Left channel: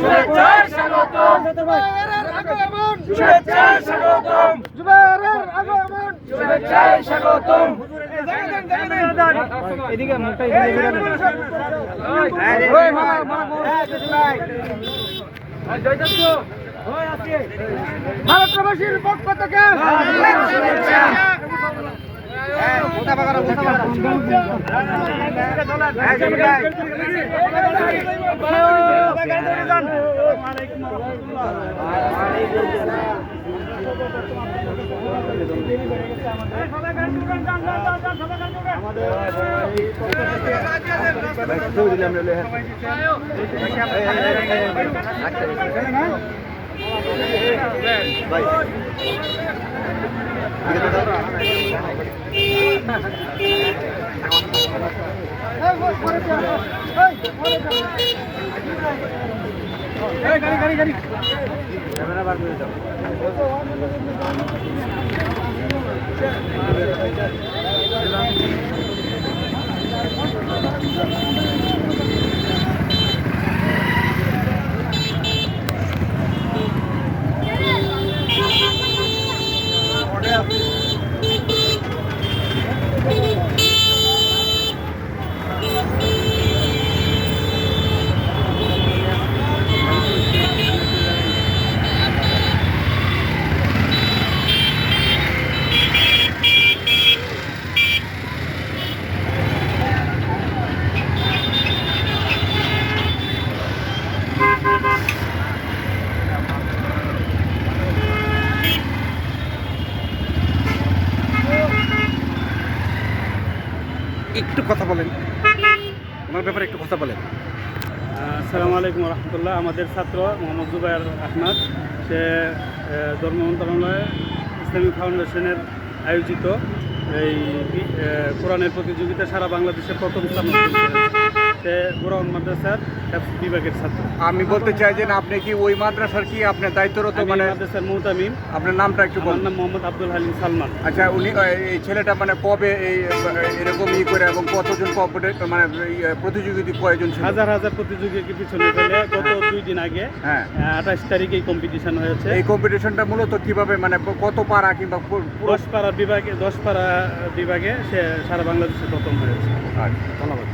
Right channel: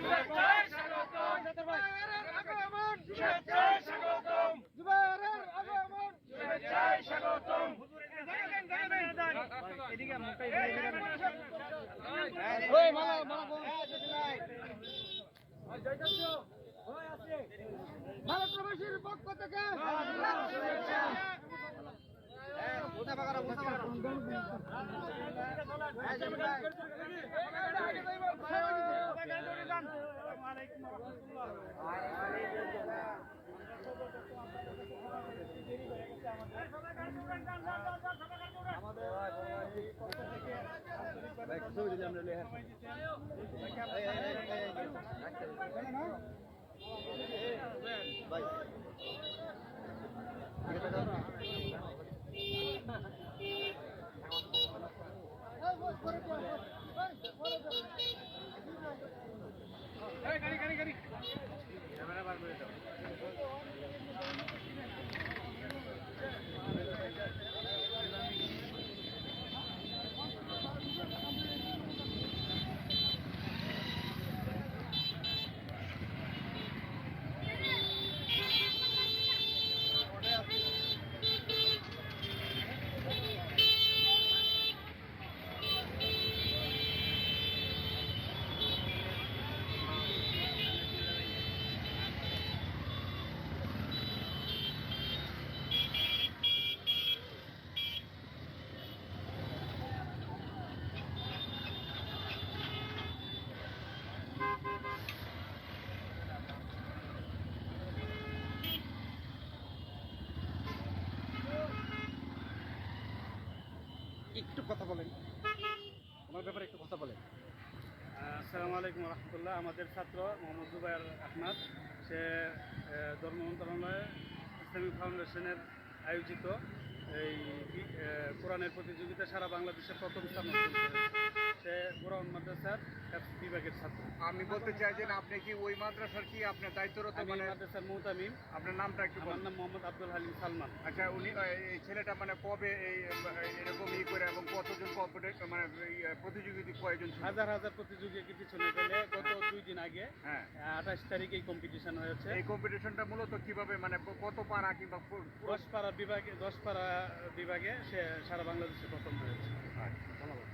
শুভেচ্ছায় স্বাগতম। শুভেচ্ছায় স্বাগতম। শুভেচ্ছায় স্বাগতম ভারতবাসীর পক্ষ থেকে একটু কথা বলেন। ওনার ব্যাপারে একটু কথা বলেন। আসসালামু আলাইকুম রহমতুল্লাহ। আমাদের ছাত্র মোহাম্মদ জুবাইর আহমদ। সে ধর্ম মন্ত্রণালয়ে ইসলামিক ফাউন্ডেশনের আয়োজিত এই কোরআনের প্রতিযোগিতা সারা বাংলাদেশে প্রথম স্থান। সে মাদ্রাসার বিভাগের ছাত্র। আমি বলতে চাই যে আপনি কি ওই মাদ্রাসার কি আপনার দায়িত্বরত মানে মাদ্রাসার মুহতামিম। আপনার নামটা একটু আমার বলুন। নাম মোহাম্মদ আব্দুল হালিম সালমান। আচ্ছা উনি এই ছেলেটা মানে কবে এই এরকম ই করে এবং কতজন মানে প্রতিযোগিতা কয়জন হাজার হাজার প্রতিযোগীকে পিছনে ফেলে গত দুই দিন আগে হ্যাঁ। আঠাশ তারিখে এই কম্পিটিশন হয়েছে। এই কম্পিটিশনটা মূলত কীভাবে মানে কত পারা কিংবা দশ পাড়া বিভাগে দশ পাড়া বিভাগে সে সারা বাংলাদেশে প্রথম হয়েছে। আচ্ছা, ধন্যবাদ।